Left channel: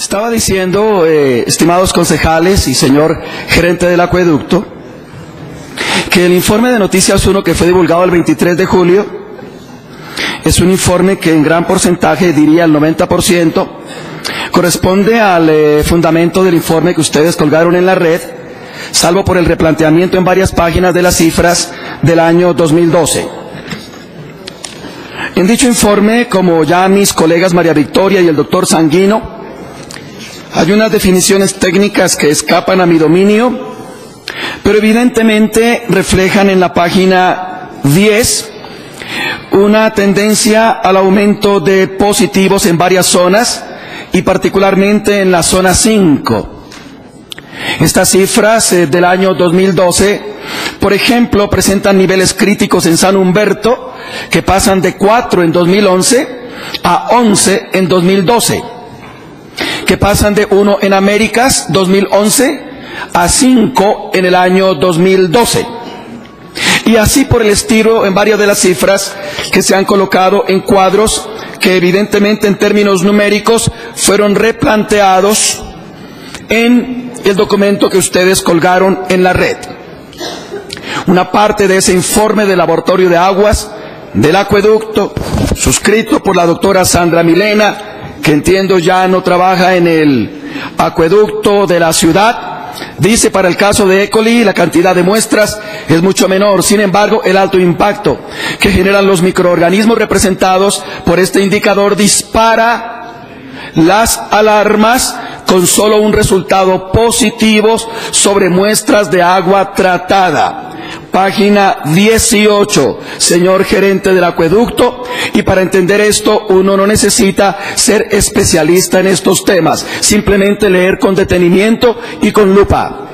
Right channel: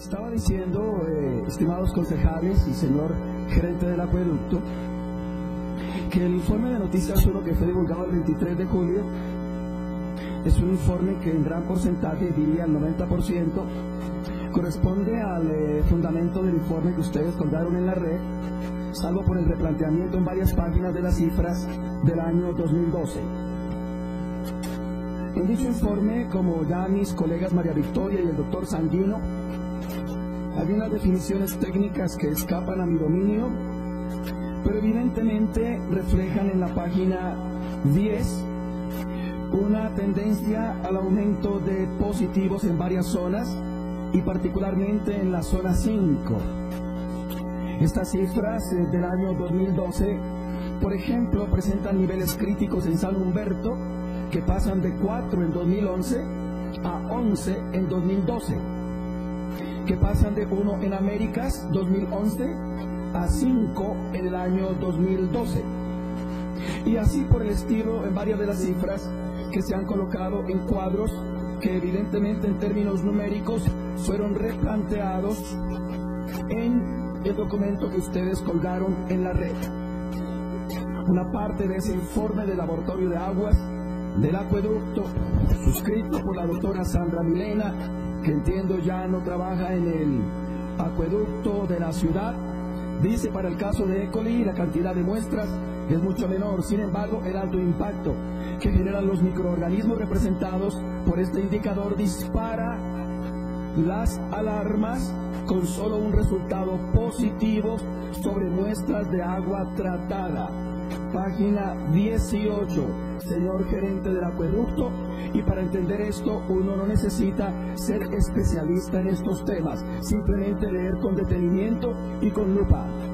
Estaba diciendo, estimados concejales y señor gerente del acueducto, que el informe de Noticias 1 que fue divulgado el 23 de julio es un informe que en gran porcentaje, diría el 90%, corresponde al fundamento del informe que ustedes colgaron en la red, salvo por el replanteamiento en varias páginas de las cifras del año 2012. En dicho informe, como ya mis colegas María Victoria y el doctor Sanguino, hay unas definiciones técnicas que escapan a mi dominio, pero evidentemente reflejan en la página 10 una tendencia al aumento de positivos en varias zonas y particularmente en la zona 5. Estas cifras del año 2012, por ejemplo, presentan niveles críticos en San Humberto que pasan de 4 en 2011 a 11 en 2012. Que pasan de 1 en Américas 2011 a 5 en el año 2012. Y así por el estilo en varias de las cifras que se han colocado en cuadros que evidentemente en términos numéricos fueron replanteados en el documento que ustedes colgaron en la red. Una parte de ese informe del laboratorio de aguas del acueducto, suscrito por la doctora Sandra Milena, que entiendo ya no trabaja en el acueducto de la ciudad, dice: para el caso de E. coli la cantidad de muestras es mucho menor, sin embargo el alto impacto que generan los microorganismos representados por este indicador dispara las alarmas con solo un resultado positivo sobre muestras de agua tratada. Página 18, señor gerente del acueducto, y para entender esto uno no necesita ser especialista en estos temas, simplemente leer con detenimiento y con lupa.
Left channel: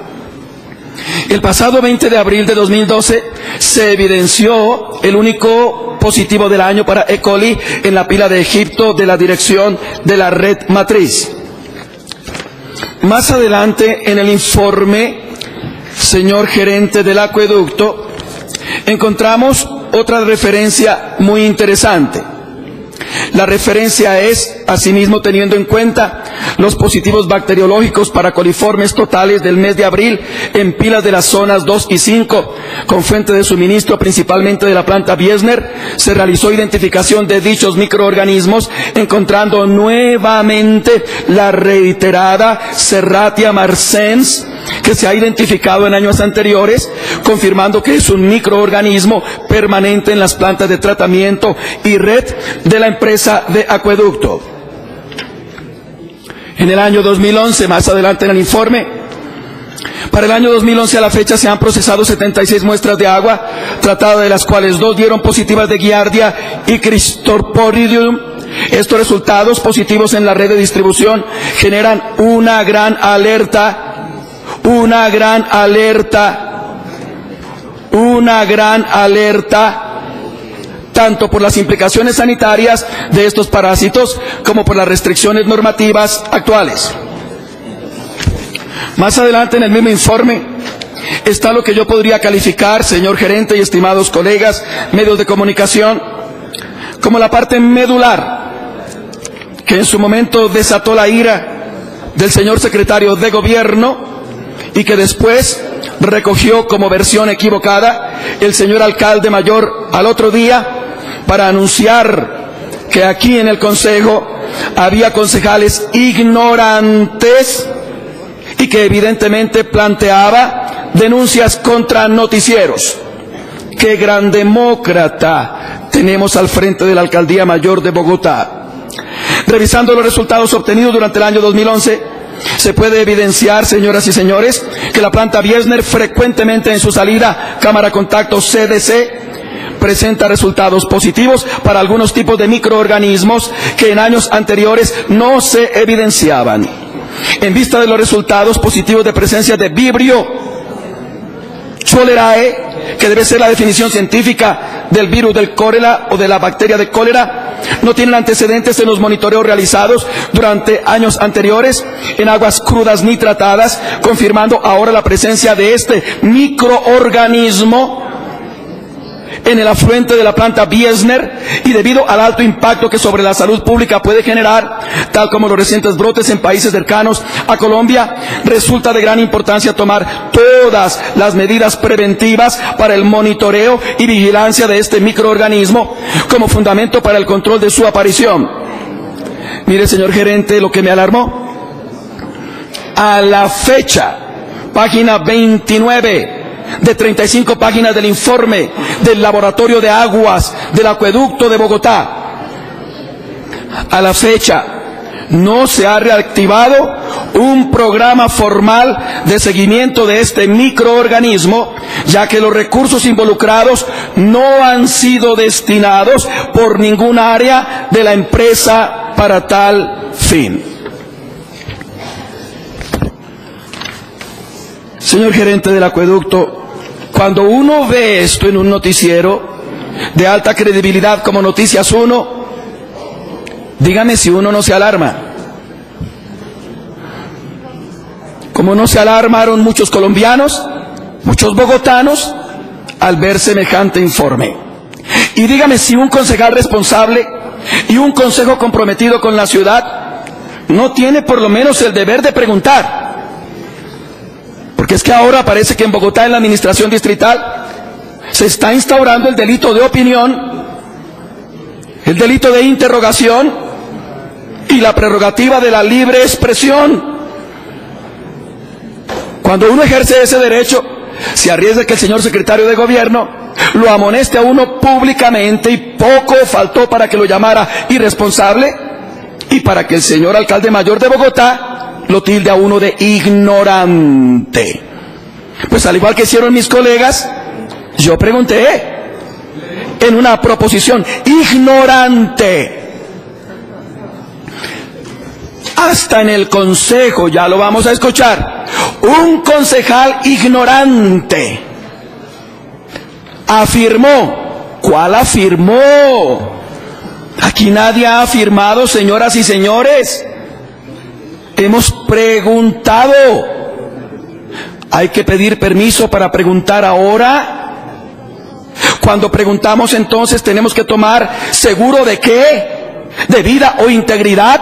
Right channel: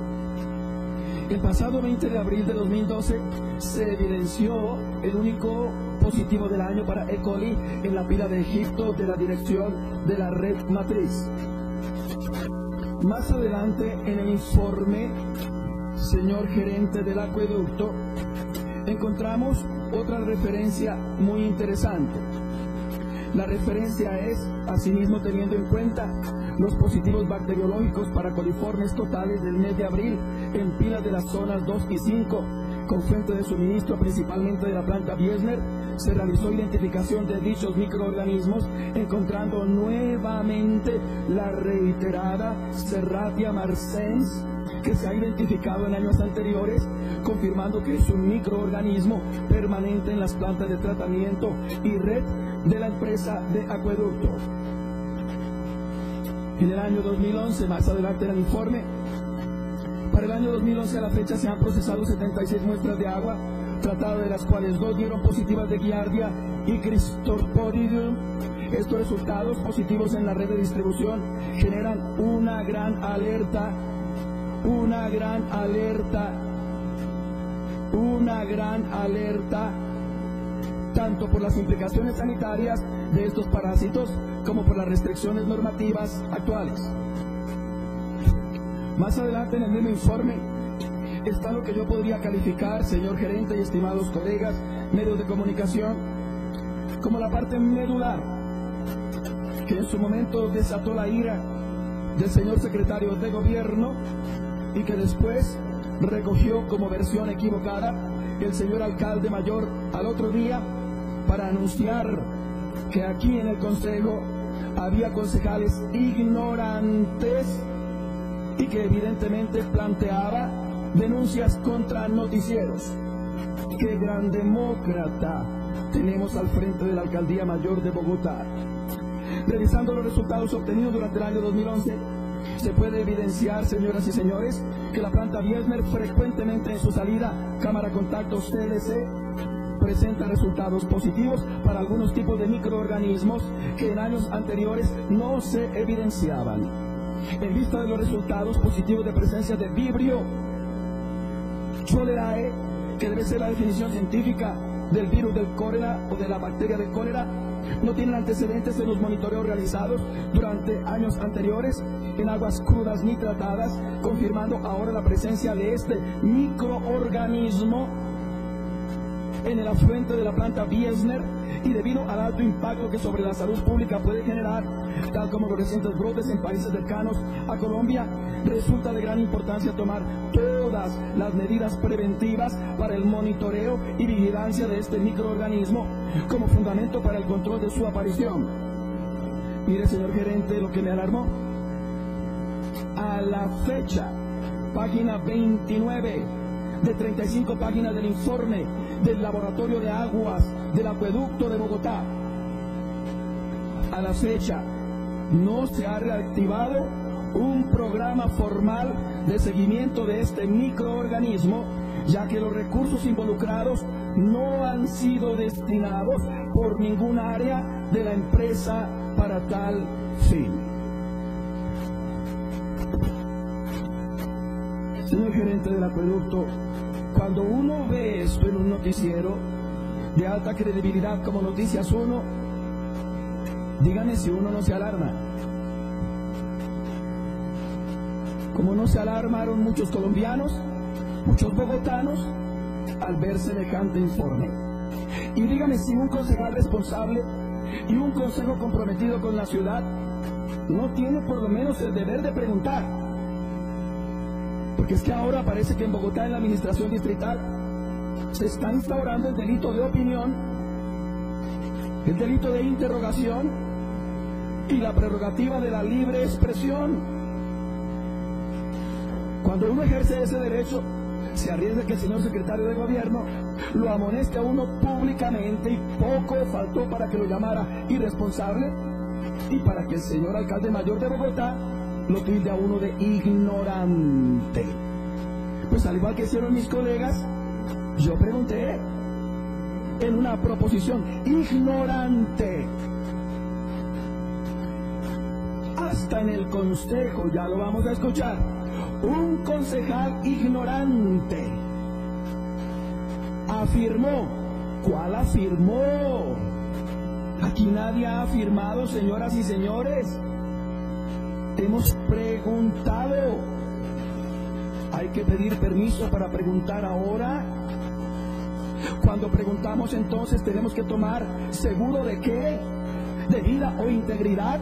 El pasado 20 de abril de 2012 se evidenció el único positivo del año para E. coli en la pila de Egipto de la dirección de la red matriz. Más adelante en el informe, señor gerente del acueducto, encontramos otra referencia muy interesante. La referencia es, asimismo, teniendo en cuenta los positivos bacteriológicos para coliformes totales del mes de abril en pilas de las zonas 2 y 5, con fuente de suministro principalmente de la planta Biesner, se realizó identificación de dichos microorganismos, encontrando nuevamente la reiterada Serratia marcens, que se ha identificado en años anteriores, confirmando que es un microorganismo permanente en las plantas de tratamiento y red de la empresa de acueducto. En el año 2011, más adelante en el informe, para el año 2011 a la fecha se han procesado 76 muestras de agua tratada, de las cuales 2 dieron positivas de Giardia y Cristorporidium. Estos resultados positivos en la red de distribución generan una gran alerta tanto por las implicaciones sanitarias de estos parásitos como por las restricciones normativas actuales. Más adelante en el mismo informe está lo que yo podría calificar, señor gerente y estimados colegas, medios de comunicación, como la parte medular que en su momento desató la ira del señor secretario de gobierno y que después recogió como versión equivocada el señor alcalde mayor al otro día para anunciar que aquí en el consejo había concejales ignorantes y que evidentemente planteaba denuncias contra noticieros. ¡Qué gran demócrata tenemos al frente de la alcaldía mayor de Bogotá! Revisando los resultados obtenidos durante el año 2011, se puede evidenciar, señoras y señores, que la planta Biesner frecuentemente en su salida cámara contacto CDC presenta resultados positivos para algunos tipos de microorganismos que en años anteriores no se evidenciaban. En vista de los resultados positivos de presencia de Vibrio cholerae, que debe ser la definición científica del virus del cólera o de la bacteria de cólera, no tienen antecedentes en los monitoreos realizados durante años anteriores en aguas crudas nitratadas, confirmando ahora la presencia de este microorganismo en el afluente de la planta Biesner y debido al alto impacto que sobre la salud pública puede generar, tal como los recientes brotes en países cercanos a Colombia, resulta de gran importancia tomar todas las medidas preventivas para el monitoreo y vigilancia de este microorganismo como fundamento para el control de su aparición. Mire, señor gerente, lo que me alarmó. A la fecha, página 29 de 35 páginas del informe del Laboratorio de Aguas del Acueducto de Bogotá, a la fecha no se ha reactivado un programa formal de seguimiento de este microorganismo, ya que los recursos involucrados no han sido destinados por ningún área de la empresa para tal fin. Señor gerente del acueducto, cuando uno ve esto en un noticiero de alta credibilidad como Noticias 1, dígame si uno no se alarma. Como no se alarmaron muchos colombianos, muchos bogotanos, al ver semejante informe. Y dígame si un concejal responsable y un consejo comprometido con la ciudad no tiene por lo menos el deber de preguntar. Porque es que ahora parece que en Bogotá, en la administración distrital, se está instaurando el delito de opinión, el delito de interrogación y la prerrogativa de la libre expresión. Cuando uno ejerce ese derecho, se arriesga que el señor secretario de gobierno lo amoneste a uno públicamente, y poco faltó para que lo llamara irresponsable y para que el señor alcalde mayor de Bogotá lo tilde a uno de ignorante. Pues al igual que hicieron mis colegas, yo pregunté en una proposición: ignorante. Hasta en el consejo, ya lo vamos a escuchar, un concejal ignorante afirmó. ¿Cuál afirmó? Aquí nadie ha afirmado, señoras y señores. Hemos preguntado. ¿Hay que pedir permiso para preguntar ahora? Cuando preguntamos, entonces tenemos que tomar seguro de qué, de vida o integridad,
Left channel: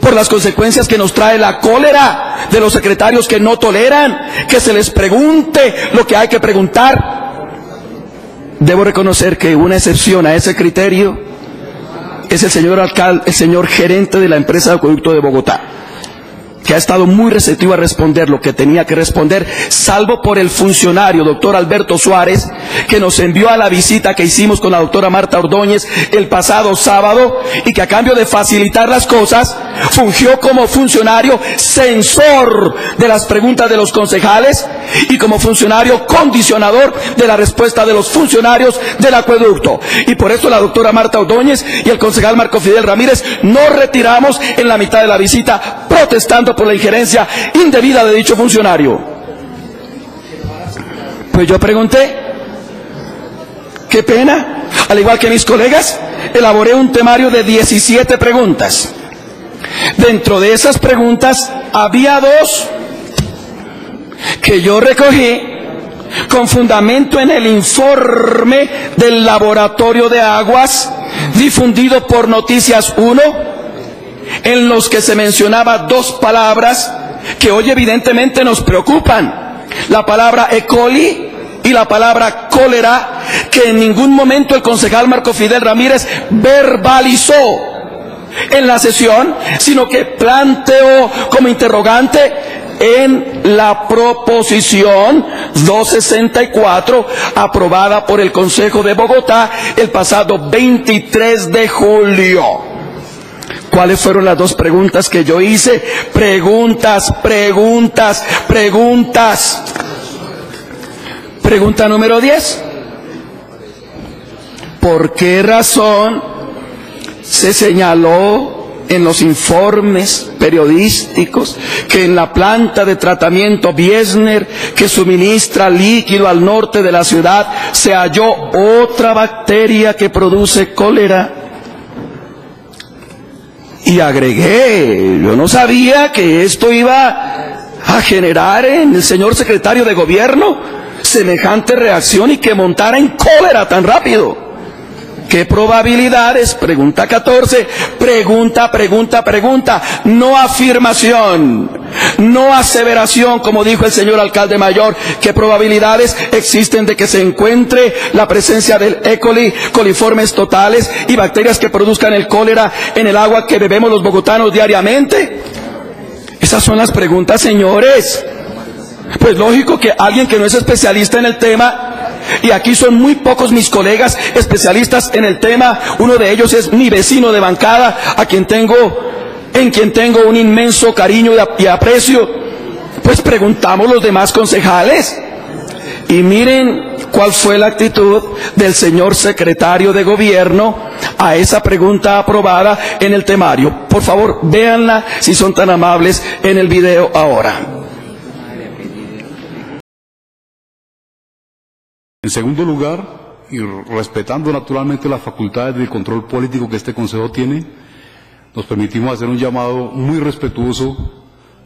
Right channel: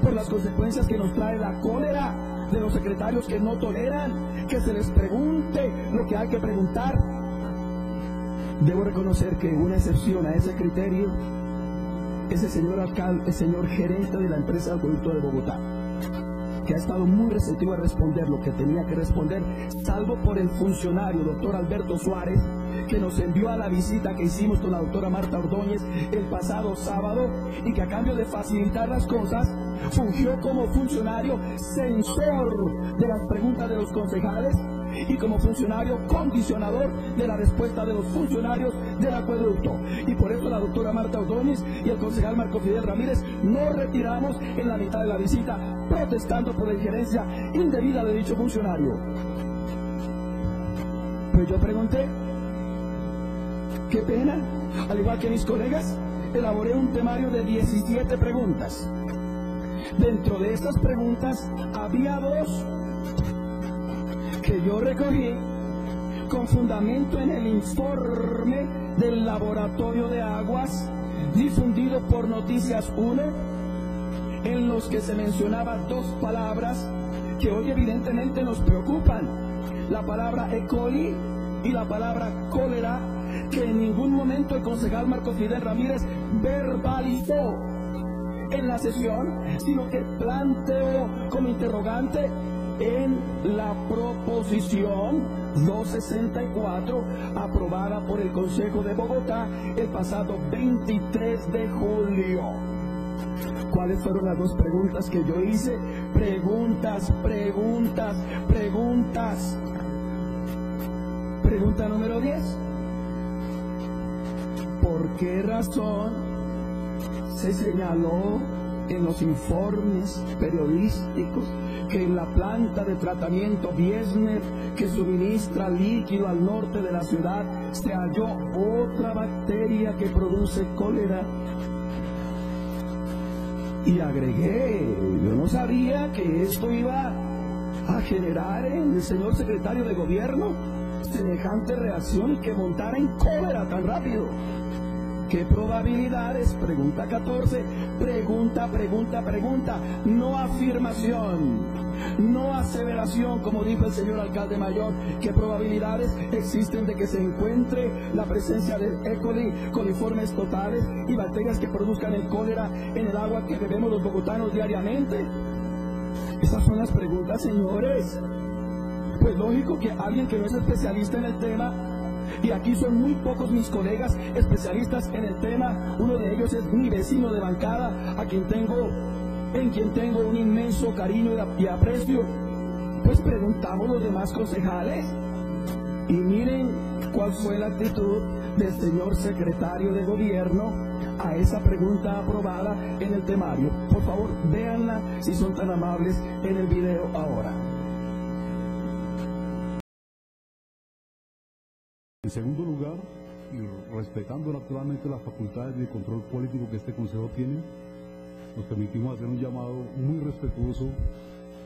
por las consecuencias que nos trae la cólera de los secretarios que no toleran que se les pregunte lo que hay que preguntar. Debo reconocer que una excepción a ese criterio es el señor alcalde, el señor gerente de la empresa de acueducto de Bogotá, que ha estado muy receptivo a responder lo que tenía que responder, salvo por el funcionario, doctor Alberto Suárez, que nos envió a la visita que hicimos con la doctora Marta Ordóñez el pasado sábado, y que a cambio de facilitar las cosas, fungió como funcionario censor de las preguntas de los concejales y como funcionario condicionador de la respuesta de los funcionarios del acueducto. Y por eso la doctora Marta Ordóñez y el concejal Marco Fidel Ramírez nos retiramos en la mitad de la visita, protestando por la injerencia indebida de dicho funcionario. Pues yo pregunté, qué pena, al igual que mis colegas, elaboré un temario de 17 preguntas. Dentro de esas preguntas había 2 que yo recogí con fundamento en el informe del Laboratorio de Aguas difundido por Noticias 1, en los que se mencionaba 2 palabras que hoy evidentemente nos preocupan: la palabra E. coli y la palabra cólera, que en ningún momento el concejal Marco Fidel Ramírez verbalizó en la sesión, sino que planteó como interrogante en la proposición 264 aprobada por el Consejo de Bogotá el pasado 23 de julio. ¿Cuáles fueron las 2 preguntas que yo hice? Preguntas. Pregunta número 10. ¿Por qué razón se señaló en los informes periodísticos que en la planta de tratamiento Biesner, que suministra líquido al norte de la ciudad, se halló otra bacteria que produce cólera? Y agregué, yo no sabía que esto iba a generar en el señor secretario de gobierno semejante reacción y que montara en cólera tan rápido? ¿Qué probabilidades? Pregunta 14. Pregunta. No afirmación, no aseveración, como dijo el señor alcalde mayor. ¿Qué probabilidades existen de que se encuentre la presencia del E. coli, coliformes totales y bacterias que produzcan el cólera en el agua que bebemos los bogotanos diariamente? Esas son las preguntas, señores. Pues lógico que alguien que no es especialista en el tema, y aquí son muy pocos mis colegas especialistas en el tema, uno de ellos es mi vecino de bancada, en quien tengo un inmenso cariño y aprecio, pues preguntamos los demás concejales. Y miren cuál fue la actitud del señor secretario de gobierno a esa pregunta aprobada en el temario. Por favor, véanla, si son tan amables, en el video ahora. En segundo lugar, y respetando naturalmente las facultades de control político que este Consejo tiene, nos permitimos hacer un llamado muy respetuoso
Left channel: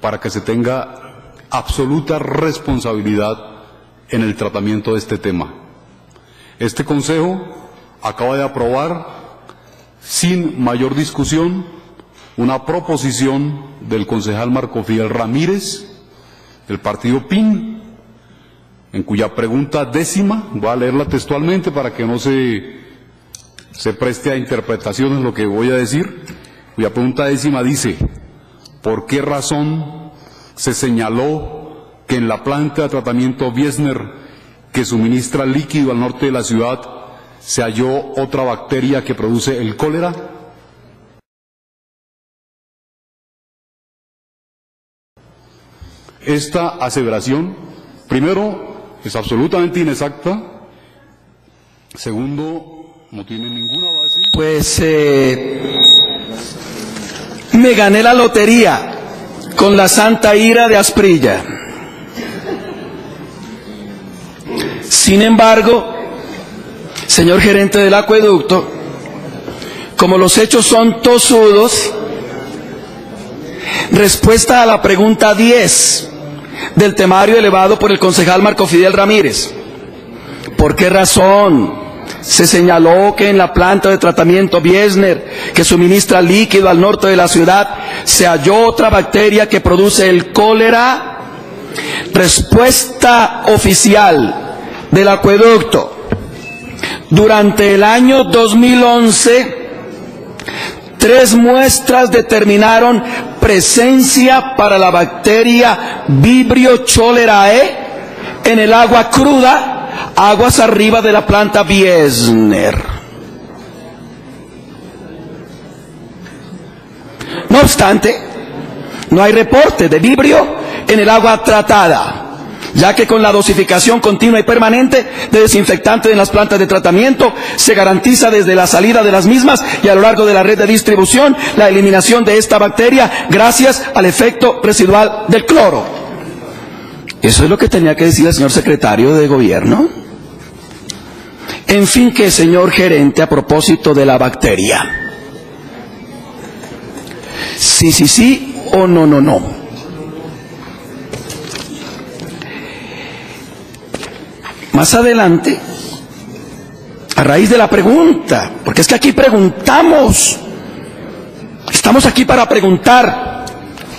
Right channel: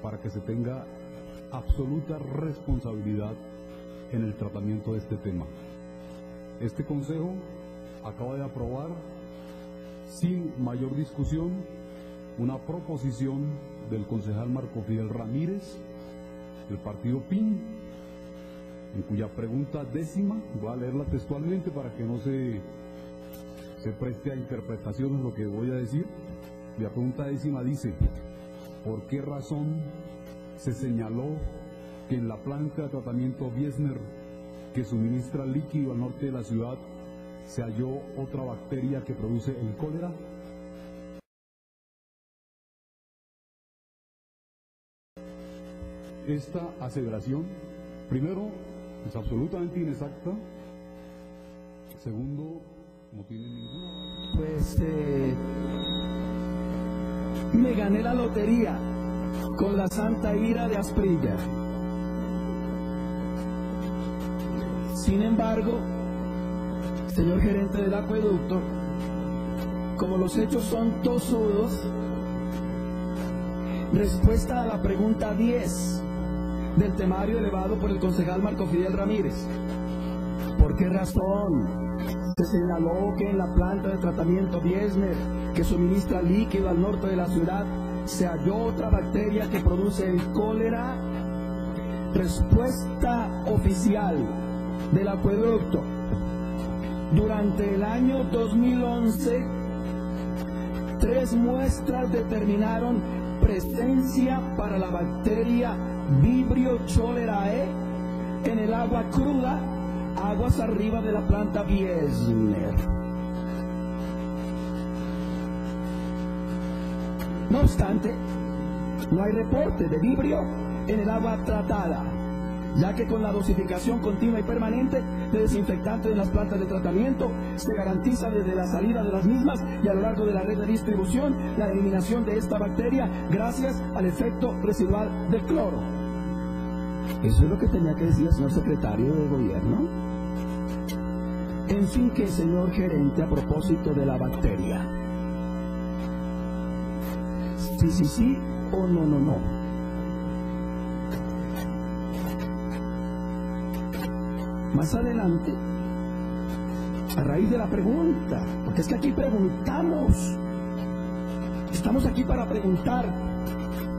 para que se tenga absoluta responsabilidad en el tratamiento de este tema. Este Consejo acaba de aprobar, sin mayor discusión, una proposición del concejal Marco Fidel Ramírez, del partido PIN, en cuya pregunta 10ª, voy a leerla textualmente para que no se preste a interpretaciones lo que voy a decir, cuya pregunta 10ª dice: ¿por qué razón se señaló que en la planta de tratamiento Wiesner, que suministra líquido al norte de la ciudad, se halló otra bacteria que produce el cólera? Esta aseveración, primero, es absolutamente inexacta. Segundo, no tiene ninguna base. Pues me gané la lotería con la santa ira de Asprilla. Sin embargo, señor gerente del acueducto, como los hechos son tosudos, respuesta a la pregunta 10 del temario elevado por el concejal Marco Fidel Ramírez. ¿Por qué razón se señaló que en la planta de tratamiento Wiesner, que suministra líquido al norte de la ciudad, se halló otra bacteria que produce el cólera? Respuesta oficial del acueducto: durante el año 2011, 3 muestras determinaron presencia para la bacteria Vibrio cholerae en el agua cruda, aguas arriba de la planta Wiesner. No obstante, no hay reporte de Vibrio en el agua tratada, ya que con la dosificación continua y permanente de desinfectante en las plantas de tratamiento se garantiza desde la salida de las mismas y a lo largo de la red de distribución la eliminación de esta bacteria gracias al efecto residual del cloro. Eso es lo que tenía que decir el señor secretario de gobierno. En fin, que señor gerente, a propósito de la bacteria, sí o no. Más adelante, a raíz de la pregunta, porque es que aquí preguntamos, estamos aquí para preguntar,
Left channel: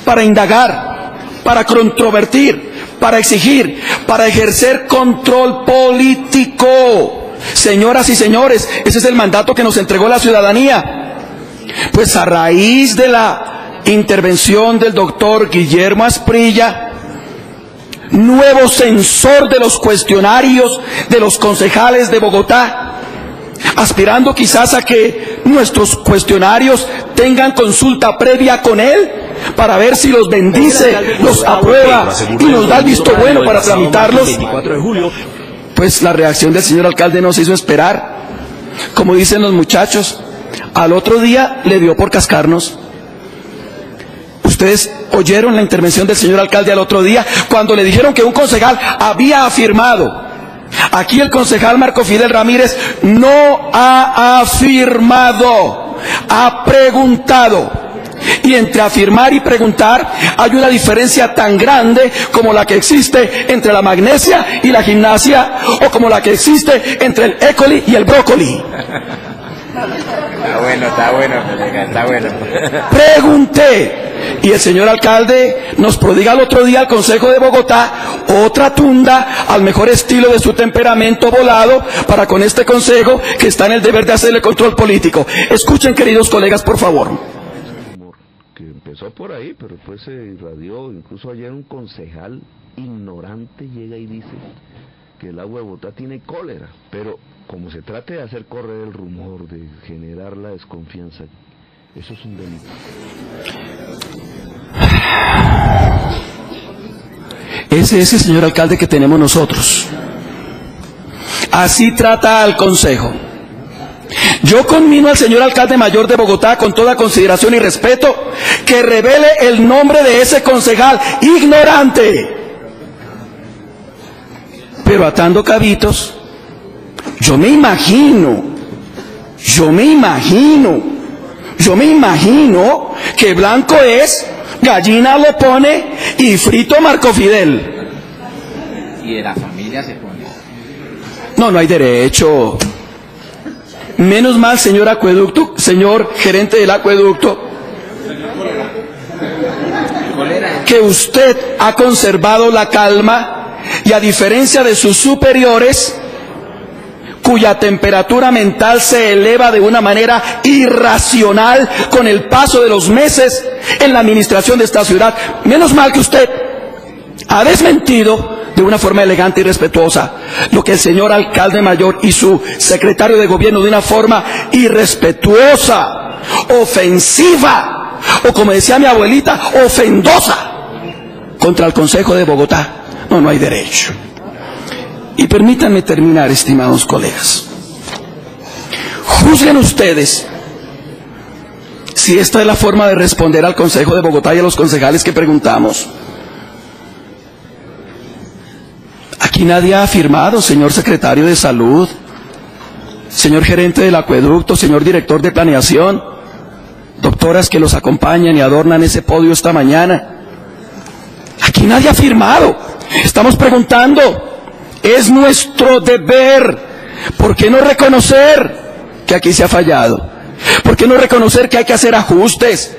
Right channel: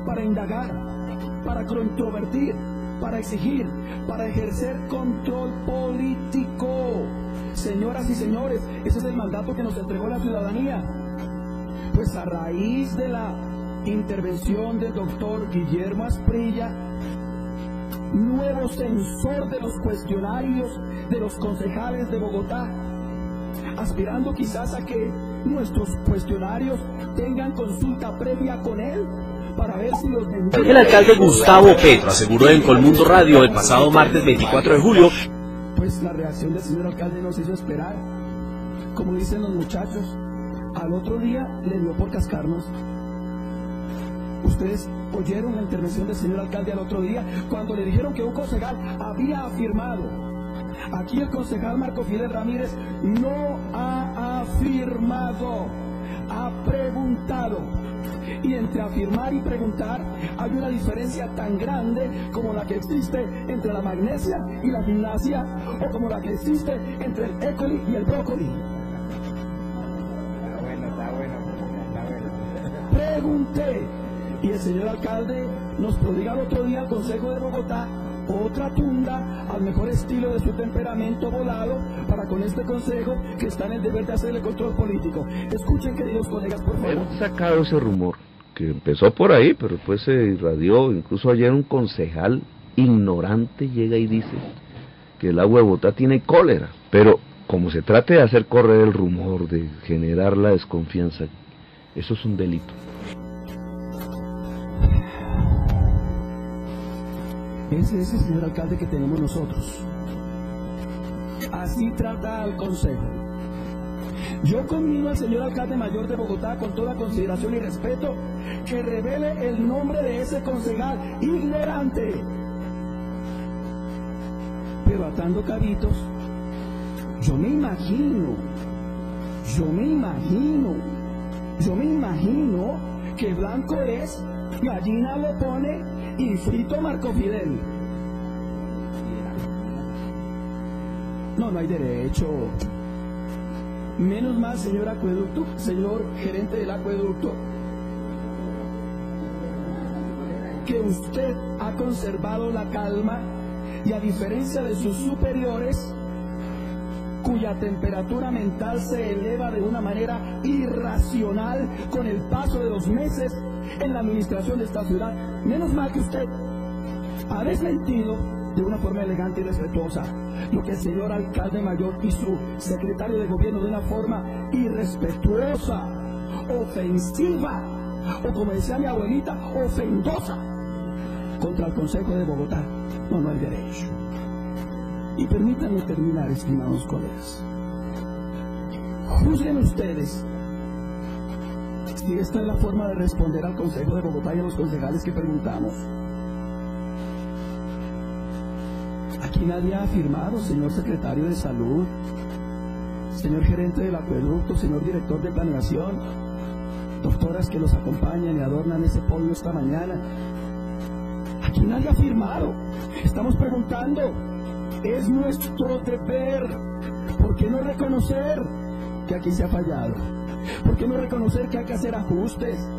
para indagar, para controvertir, para exigir, para ejercer control político. Señoras y señores, ese es el mandato que nos entregó la ciudadanía. Pues a raíz de la intervención del doctor Guillermo Asprilla, nuevo censor de los cuestionarios de los concejales de Bogotá, aspirando quizás a que nuestros cuestionarios tengan consulta previa con él para ver si los bendice, el alcalde Gustavo Petro aseguró en Colmundo Radio el pasado martes 24 de julio. Pues la reacción del señor alcalde nos hizo esperar. Como dicen los muchachos, al otro día le dio por cascarnos. Ustedes oyeron la intervención del señor alcalde al otro día, cuando le dijeron que un concejal había afirmado. Aquí el concejal Marco Fidel Ramírez no ha afirmado, ha preguntado. Y entre afirmar y preguntar hay una diferencia tan grande como la que existe entre la magnesia y la gimnasia, o como la que existe entre el écoli y el brócoli. Está bueno. Pregunté, y el señor alcalde nos prodiga el otro día al Consejo de Bogotá otra tunda al mejor estilo de su temperamento volado para con este consejo que está en el deber de hacerle control político. Escuchen, queridos colegas, por favor. Sacado ese rumor que empezó por ahí, pero después se irradió. Incluso ayer un concejal ignorante llega y dice que el agua de Bogotá tiene cólera, pero como se trate de hacer correr el rumor, de generar la desconfianza, eso es un delito. Ese es el señor alcalde que tenemos nosotros. Así trata al consejo. Yo conmino al señor alcalde mayor de Bogotá, con toda consideración y respeto, que revele el nombre de ese concejal ignorante. Pero atando cabitos, yo me imagino que blanco es, gallina lo pone y frito Marco Fidel. Y de la familia se pone. No hay derecho. Menos mal, señor acueducto, señor gerente del acueducto, que usted ha conservado la calma y, a diferencia de sus superiores, cuya temperatura mental se eleva de una manera irracional con el paso de los meses en la administración de esta ciudad, menos mal que usted ha desmentido de una forma elegante y respetuosa lo que el señor alcalde mayor y su secretario de gobierno, de una forma irrespetuosa, ofensiva, o como decía mi abuelita, ofendosa, contra el Consejo de Bogotá. No hay derecho. Y permítanme terminar, estimados colegas. Juzguen ustedes si esta es la forma de responder al Consejo de Bogotá y a los concejales que preguntamos. Aquí nadie ha afirmado, señor secretario de Salud, señor gerente del acueducto, señor director de planeación, doctoras que los acompañan y adornan ese podio esta mañana. Aquí nadie ha afirmado. Estamos preguntando. Es nuestro deber. ¿Por qué no reconocer que aquí se ha fallado? ¿Por qué no reconocer que hay que hacer ajustes?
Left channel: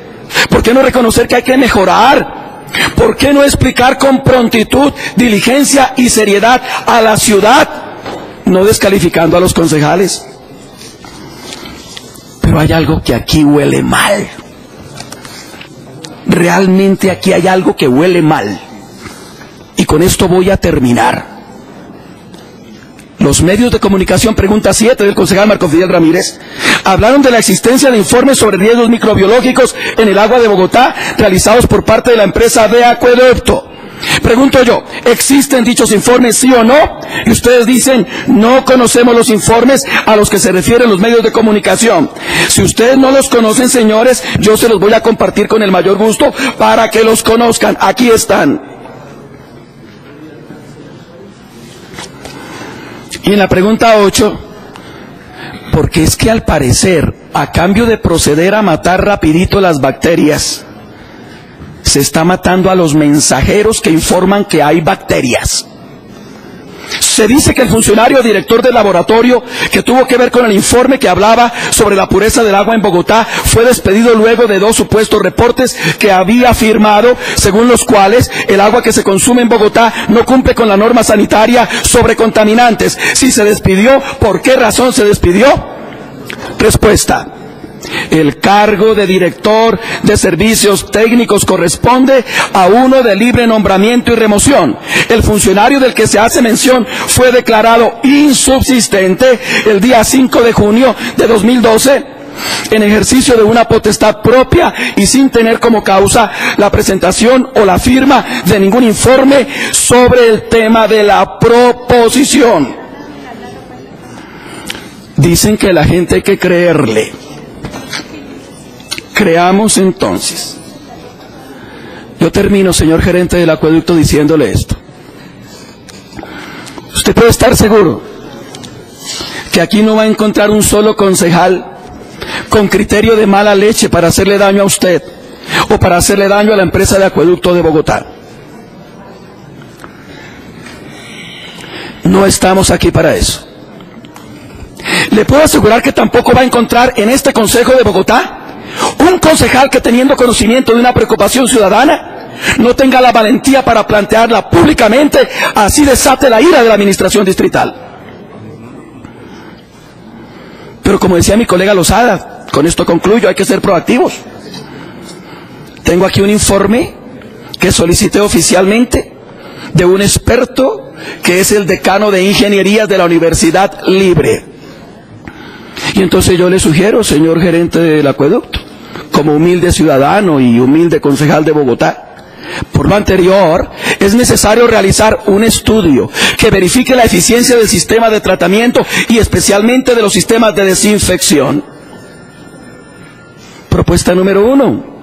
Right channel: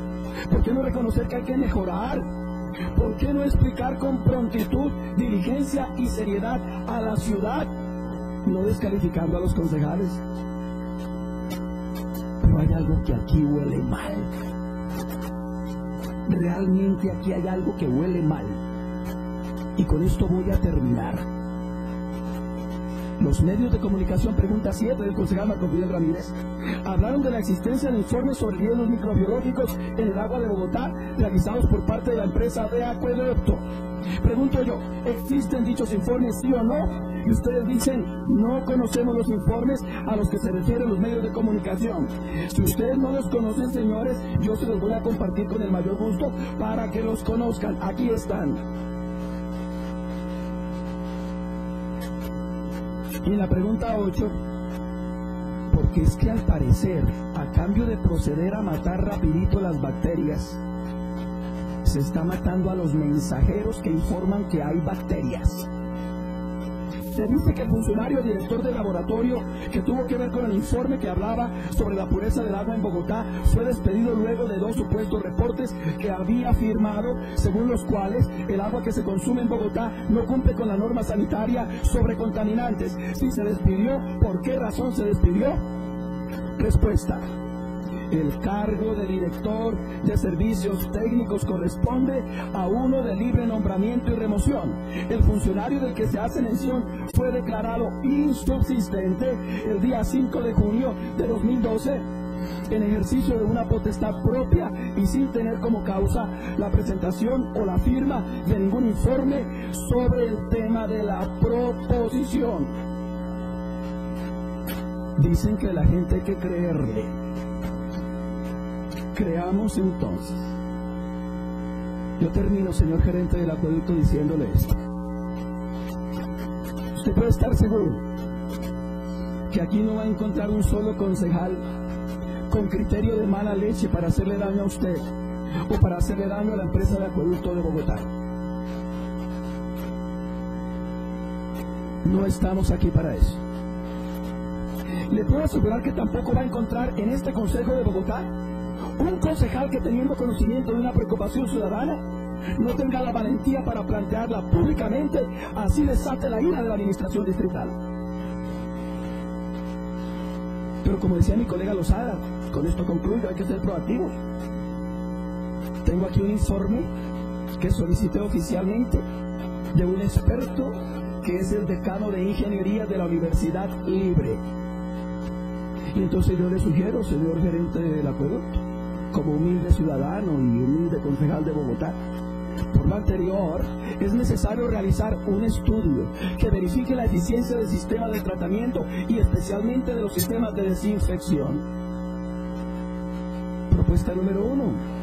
¿Por qué no reconocer que hay que mejorar? ¿Por qué no explicar con prontitud, diligencia y seriedad a la ciudad, no descalificando a los concejales? Pero hay algo que aquí huele mal. Realmente aquí hay algo que huele mal. Y con esto voy a terminar. Los medios de comunicación, pregunta 7 del concejal Marco Fidel Ramírez, hablaron de la existencia de informes sobre riesgos microbiológicos en el agua de Bogotá realizados por parte de la empresa de acueducto. Pregunto yo, ¿existen dichos informes, sí o no? Y ustedes dicen, no conocemos los informes a los que se refieren los medios de comunicación. Si ustedes no los conocen, señores, yo se los voy a compartir con el mayor gusto para que los conozcan. Aquí están. Y en la pregunta 8, porque es que al parecer, a cambio de proceder a matar rapidito las bacterias, se está matando a los mensajeros que informan que hay bacterias. Se dice que el funcionario director del laboratorio que tuvo que ver con el informe que hablaba sobre la pureza del agua en Bogotá fue despedido luego de 2 supuestos reportes que había firmado, según los cuales el agua que se consume en Bogotá no cumple con la norma sanitaria sobre contaminantes. Si se despidió, ¿por qué razón se despidió? Respuesta: el cargo de director de servicios técnicos corresponde a uno de libre nombramiento y remoción. El funcionario del que se hace mención fue declarado insubsistente el día 5 de junio de 2012 en ejercicio de una potestad propia y sin tener como causa la presentación o la firma de ningún informe sobre el tema de la proposición. Dicen que la gente hay que creerle. Creamos entonces. Yo termino, señor gerente del acueducto, diciéndole esto. Usted puede estar seguro que aquí no va a encontrar un solo concejal con criterio de mala leche para hacerle daño a usted, o para hacerle daño a la empresa de acueducto de Bogotá. No estamos aquí para eso. Le puedo asegurar que tampoco va a encontrar en este Consejo de Bogotá un concejal que, teniendo conocimiento de una preocupación ciudadana, no tenga la valentía para plantearla públicamente, así desate la ira de la administración distrital. Pero como decía mi colega Lozada, con esto concluyo, hay que ser proactivos. Tengo aquí un informe que solicité oficialmente de un experto que es el decano de Ingenierías de la Universidad Libre. Y entonces yo le sugiero, señor gerente del acueducto, como humilde ciudadano y humilde concejal de Bogotá, por lo anterior, es necesario realizar un estudio que verifique la eficiencia del sistema de tratamiento y especialmente de los sistemas de desinfección. Propuesta número 1.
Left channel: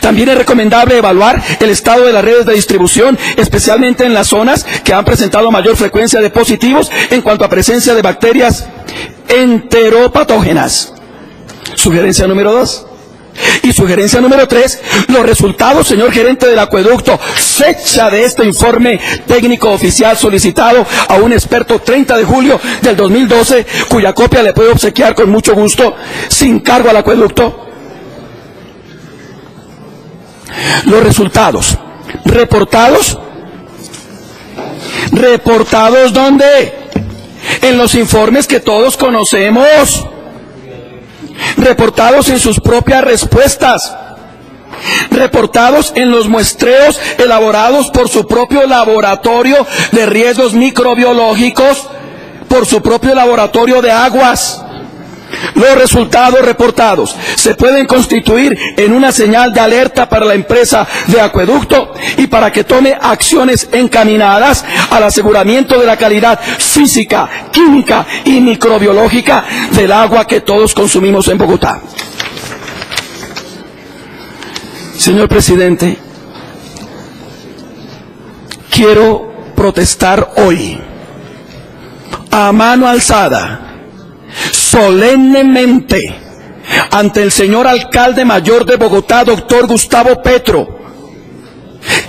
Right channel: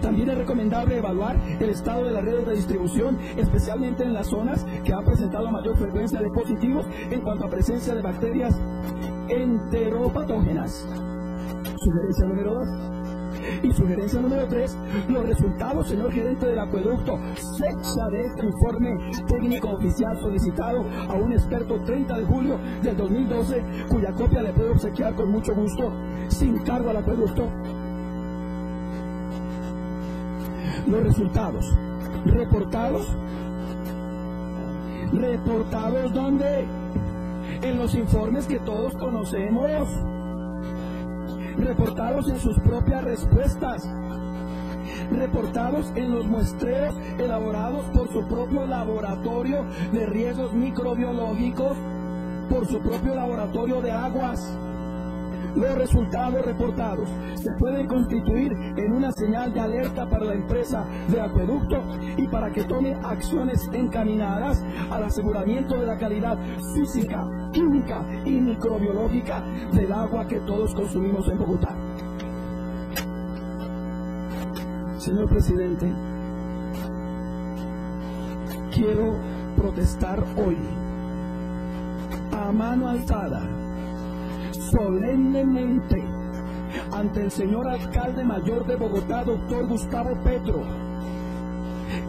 También es recomendable evaluar el estado de las redes de distribución, especialmente en las zonas que han presentado mayor frecuencia de positivos en cuanto a presencia de bacterias enteropatógenas. Sugerencia número 2. Y sugerencia número 3, los resultados, señor gerente del acueducto, fecha de este informe técnico oficial solicitado a un experto 30 de julio del 2012, cuya copia le puedo obsequiar con mucho gusto, sin cargo al acueducto. Los resultados reportados ¿dónde? En los informes que todos conocemos, reportados en sus propias respuestas, reportados en los muestreos elaborados por su propio laboratorio de riesgos microbiológicos, por su propio laboratorio de aguas. Los resultados reportados se pueden constituir en una señal de alerta para la empresa de acueducto y para que tome acciones encaminadas al aseguramiento de la calidad física, química y microbiológica del agua que todos consumimos en Bogotá. Señor presidente, quiero protestar hoy, a mano alzada, solemnemente, ante el señor alcalde mayor de Bogotá, doctor Gustavo Petro,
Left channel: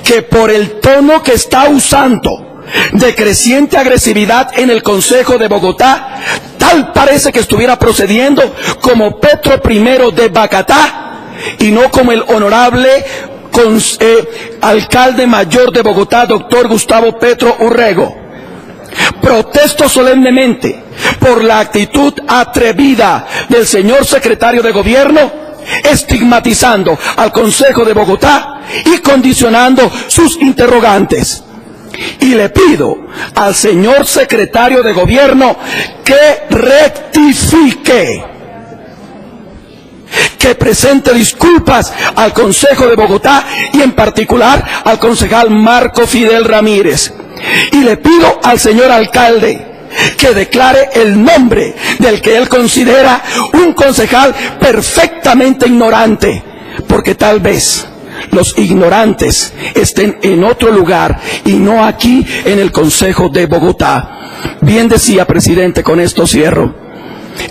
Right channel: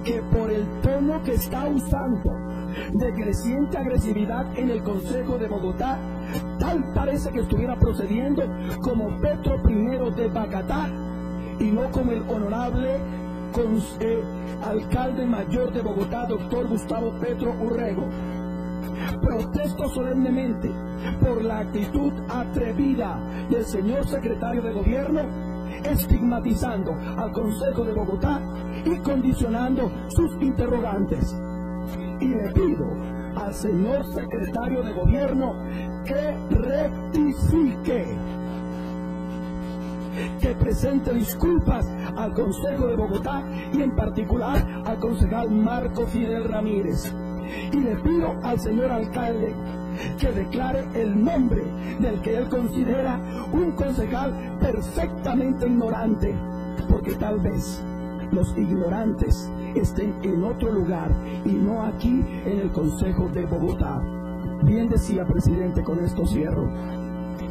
que por el tono que está usando de creciente agresividad en el Consejo de Bogotá, tal parece que estuviera procediendo como Petro I de Bacatá y no como el honorable alcalde mayor de Bogotá, doctor Gustavo Petro Urrego. Protesto solemnemente por la actitud atrevida del señor secretario de Gobierno, estigmatizando al Consejo de Bogotá y condicionando sus interrogantes. Y le pido al señor secretario de Gobierno que rectifique, que presente disculpas al Consejo de Bogotá y en particular al concejal Marco Fidel Ramírez. Y le pido al señor alcalde que declare el nombre del que él considera un concejal perfectamente ignorante, porque tal vez los ignorantes estén en otro lugar y no aquí en el Consejo de Bogotá. Bien decía, presidente, con esto cierro,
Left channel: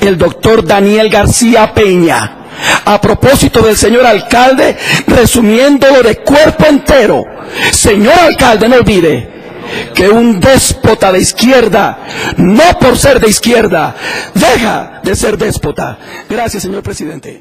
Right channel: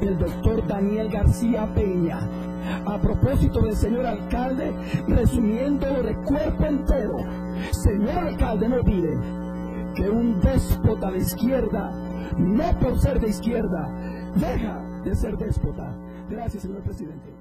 el doctor Daniel García Peña, a propósito del señor alcalde, resumiéndolo de cuerpo entero: señor alcalde, no olvide que un déspota de izquierda, no por ser de izquierda, deja de ser déspota. Gracias, señor presidente.